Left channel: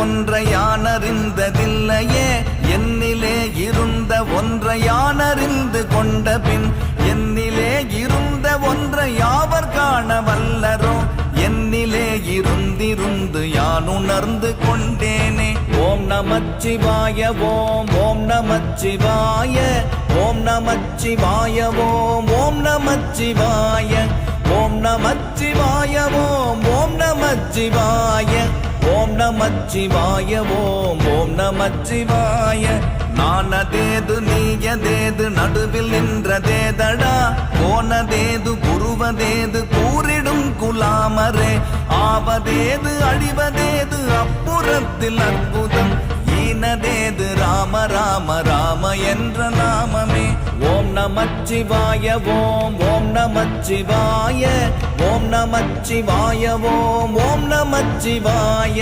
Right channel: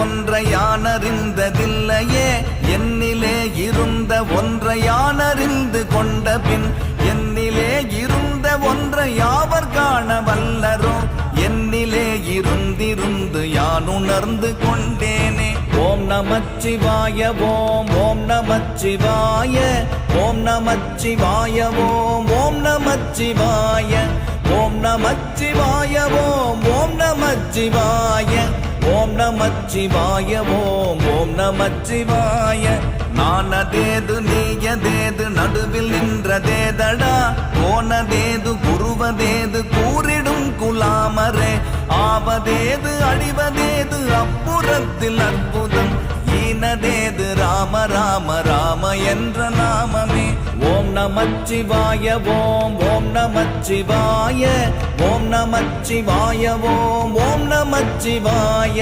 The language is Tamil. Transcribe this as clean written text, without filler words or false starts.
ஒன்றை யானறிந்ததில்லையே என்னிலே இருந்த ஒன்றை யானறிந்து கொண்ட பின் என்னிலே இருந்த ஒன்றை யாவர் காண வல்லரோ என்னிலே இருந்திருந்து யான் உணர்ந்து கொண்டேனே. ஓம் நமச்சிவாய ஓம் ஓம் நமச்சிவாய ஓம் நமச்சிவாய ஓம் ஓம் நமச்சிவாய ஓம் நமச்சிவாய ஓம் ஓம் நமச்சிவாய ஓம் நமச்சிவாய ஓம் ஓம் நமச்சிவாய. நானதேது நீயதேது நடுவில் நின்றதேதடா போனதேது குருவதேது கூறிடும் குலாமரே ஆவதேது அழிவதேது அப்புறத்தில் அற்புதம் ஈனதேது ராம ராம ராம என்ற நாமமே. ஓம் நமச்சிவாய ஓம் ஓம் நமச்சிவாய ஓம் நமச்சிவாய ஓம் ஓம் நமச்சிவாய.